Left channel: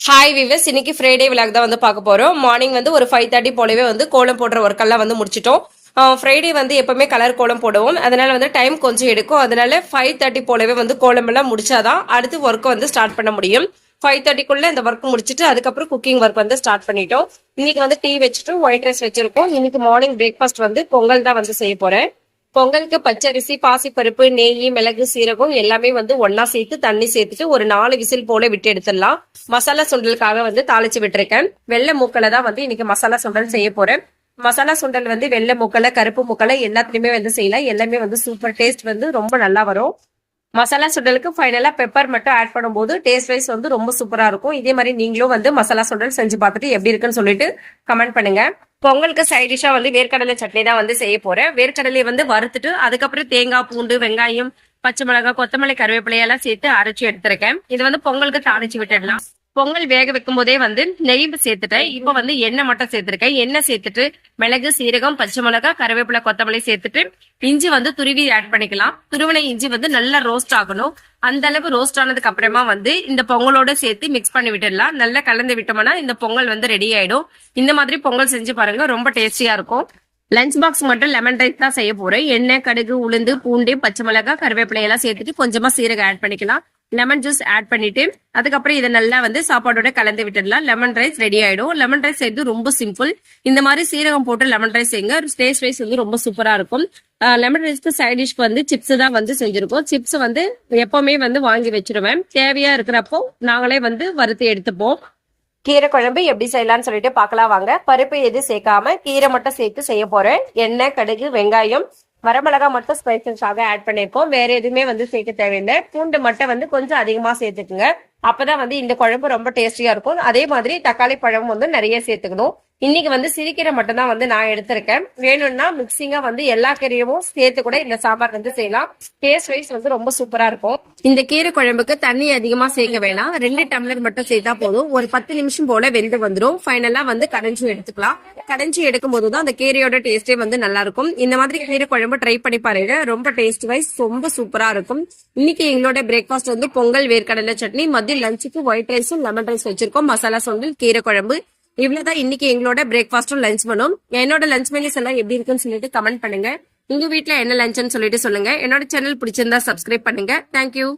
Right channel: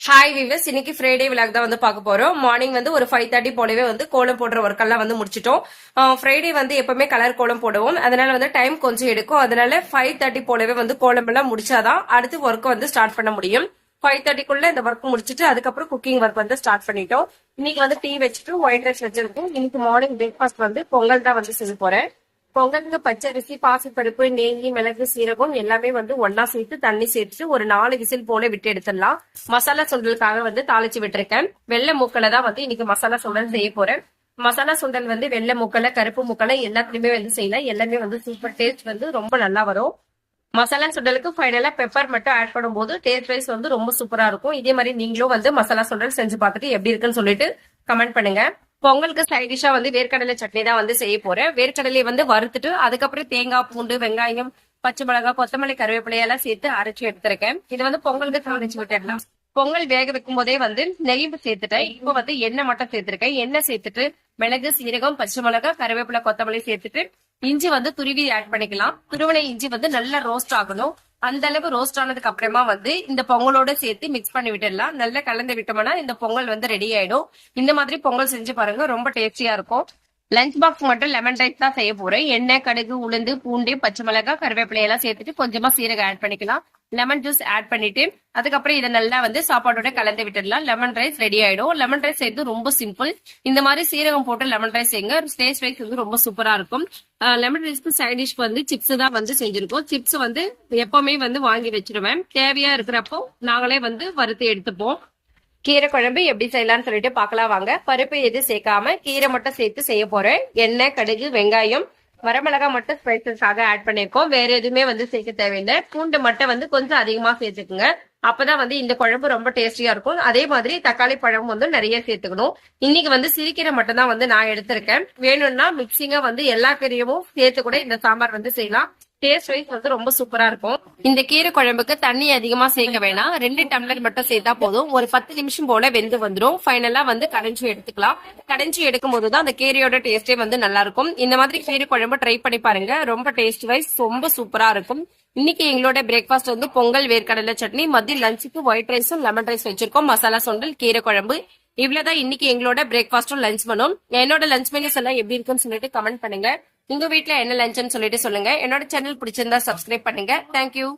Hi விவஸ், இன்னைக்கு Friday vlog தான் வந்து பார்க்க போறோம். மார்னிங் வந்து ஒரு 5:30 போலவே வந்து கோலம் போடுற ஒர்க் எல்லாம் வந்து முடிச்சிட்டோம். ஃப்ரைடே வந்து எப்பவுமே கலர் கோலம் போடுவோம், அதனால வந்து டைம் கொஞ்சம் எடுக்கும். அதனால 5:30 போலவே வந்து கோலம் எல்லாம் முடிச்சாதான் அடுத்து ஒர்க் வந்து ஸ்டார்ட் பண்ண முடியும். 5:30க்குள்ள இந்த ஒர்க் முடிச்சிட்டு அதுக்கப்புறம் குக்கிங் ஒர்க் வந்து ஸ்டார்ட் பண்ணிட்டோம். இன்னைக்கு வந்து டீ வச்சுட்டு ஒயிட் ரைஸ் வச்சிருக்கோம். இன்னைக்கு மார்னிங் பிரேக்ஃபாஸ்ட் வந்து பொங்கல் தான் வந்து செய்ய போறேன். பொங்கலுக்கு பச்சரிசி, பாசிப்பருப்பு, நெய், மிளகு, சீரகம் எல்லாமே வந்து ஒன்னா சேர்த்து தண்ணி சேர்த்துட்டு ஒரு 4 விசில் போல விட்டு எடுத்துடலாம். மசாலா சுண்டலுக்காக வந்து தாளிச்சு விட்டுருக்கேன். வெள்ளை மூக்கலை தான் வந்து இன்னைக்கு மசாலா சுண்டல் செய்ய போறேன். மசாலா சுண்டல் வந்து வெள்ளை மூக்கலை, கருப்பு மூக்கலை எல்லாத்துலயுமே வந்து செய்யலாம். எல்லாமே வந்து சூப்பர் டேஸ்ட் வந்து ரொம்ப நல்லா வரும். மசாலா சுண்டலுக்கு ஃபைனலா பெப்பர் மட்டும் ஆட் பண்ணும்போது டேஸ்ட் வைஸ் வந்து ரொம்ப சூப்பரா இருக்கும். இதே மாதிரி நீங்களும் வந்து மசாலா சுண்டல் செஞ்சு பார்த்துட்டு எப்படி இருக்குன்னு சொல்லிட்டு கமெண்ட் பண்ணுங்க. பொங்கலுக்கு சைட் டிஷ்ஷா வந்து வேர்க்கடலை சட்னி தான் வந்து செய்ய போறேன். வேர்க்கடலையை வந்து வறுத்துட்டு அதுக்கப்புறம் தேங்காய், பூண்டு, வெங்காயம், பச்சை மிளகாய், கொத்தமல்லி, கருவேப்பிலையெல்லாம் சேர்த்து அரைச்சி எடுத்திருக்கேன். இது வந்து பொங்கலுக்கு தாளிச்சு விட்டுடலாம். பொங்கல் வேக வைக்கும் போதே வந்து நெய் சேர்த்துட்டேன். இப்போ வந்து எண்ணெய் மட்டும் சேர்த்திருக்கேன். எண்ணெய் சேர்த்துட்டு மிளகு, சீரகம், பச்சை மிளகாய், கருவேப்பிலை, கொத்தமல்லி சேர்த்துட்டு இஞ்சி வந்து துருவி ஆட் பண்ணிக்கலாம். துருவின இஞ்சி வந்து நல்லா ரோஸ்ட் ஆகணும். அந்த அளவு ரோஸ்ட் ஆனதுக்கு அப்புறமா வந்து இந்த பொங்கலோட சேர்த்து மிக்ஸ் பண்ணி விட்டுடலாம். நல்லா கலந்து விட்டோம்னா இந்த பொங்கல் வந்து ரெடி ஆயிடும். இந்த மாதிரி பொங்கல் செஞ்சு பாருங்க, ரொம்ப டேஸ்டியா இருக்கும். லஞ்ச் பாக்ஸ் மட்டும் லெமன் ரைஸ் தான் செய்ய போறேன். எண்ணெய், கடுகு, உளுந்து, பூண்டு, பச்சை மிளகாய், கருவேப்பிலை எல்லாம் சேர்த்துட்டு கொஞ்சமா சீரகம் ஆட் பண்ணிக்கலாம். லெமன் ஜூஸ் ஆட் பண்ணிட்டு அதுக்கப்புறம் இதை நல்லா வந்து சாப்பாடோட கலந்து விட்டுடலாம். லெமன் ரைஸ் ரெடி ஆயிடும். லெமன் ரைஸ் செய்யறது ரொம்ப சிம்பிள். இந்த மாதிரி சீரகம் போட்டு லெமன் ரைஸ் செய்யுங்க. டேஸ்ட் ரைஸ் வந்து ரொம்ப சூப்பரா இருக்கும். லெமன் ரைஸ்க்கு சைட் டிஷ்க்கு வந்து சிப்ஸ் தான் வந்து செஞ்சிருக்கோம். சிப்ஸ் வந்து எப்பவுமே வந்து வாங்கி வச்சிருவேன். தேவையா இருக்கிறப்போ நாங்களே வந்து வறுத்து எடுத்துப்போம். கீரை குழம்பு எப்படி செய்யலாம்னு சொல்லிட்டு பார்க்கலாம் வாங்க. பருப்பு எது சேர்க்காம கீரை மட்டும் சேர்த்து செய்ய போறேன். எண்ணெய், கடுகு, வெங்காயம், வரமிளகா மட்டும் ஸ்பைசஸாக ஆட் பண்ணிருக்கோம். வேற எதுவுமே வந்து சேர்க்க தேவையில்லை. பூண்டு மட்டும் வந்து கொஞ்சம் அதிகமா சேர்த்துக்குங்க. அப்பதான் வந்து இந்த குழம்பு ரொம்ப டேஸ்டியா இருக்கும். அதே மாதிரி தக்காளி பழம் வந்து நிறைய சேர்த்துக்கணும். இன்னைக்கு வந்து சிறுகீரை மட்டும் தான் வந்து நான் எடுத்திருக்கேன். வேணும்னா மிக்சிங்கா வந்து எல்லா கீரையும் சேர்த்து கூட இந்த சாம்பார் வந்து செய்யலாம். டேஸ்ட் வைஸ் வந்து ரொம்ப சூப்பரா இருக்கும். இந்த கீரை குழம்புக்கு தண்ணி அதிகமா சேர்க்க வேணாம். 2 டம்ளர் மட்டும் சேர்த்தா போதும். ஒரு 10 நிமிஷம் போல வெந்து வந்துடும். ஃபைனலா வந்து கடைஞ்சி எடுத்துக்கலாம். கடைஞ்சி எடுக்கும் போதுதான் அந்த கீரையோட டேஸ்டே வந்து நல்லா இருக்கும். இந்த மாதிரி கீரை குழம்பு ட்ரை பண்ணி பாருங்க. ரொம்ப டேஸ்ட் வைஸ் ரொம்ப சூப்பரா இருக்கும். இன்னைக்கு எங்களோட பிரேக்ஃபாஸ்ட் வந்து பொங்கல், வேர்க்கடலை சட்னி, லஞ்சுக்கு ஒயிட் ரைஸும் லெமன் ரைஸ் வச்சிருக்கோம். மசாலா சுண்டல், கீரை குழம்பு, இவ்வளவுதான் இன்னைக்கு எங்களோட பிரேக்ஃபாஸ்டும் லஞ்ச் பண்ணும். என்னோட லஞ்ச் மெனுஸ் எல்லாம் எப்படி இருக்குன்னு சொல்லிட்டு கமெண்ட் பண்ணுங்க. உங்க வீட்டுல என்ன லஞ்சுன்னு சொல்லிட்டு சொல்லுங்க. என்னோட சேனல் பிடிச்சிருந்தா சப்ஸ்கிரைப் பண்ணுங்க. தேங்க்யூ.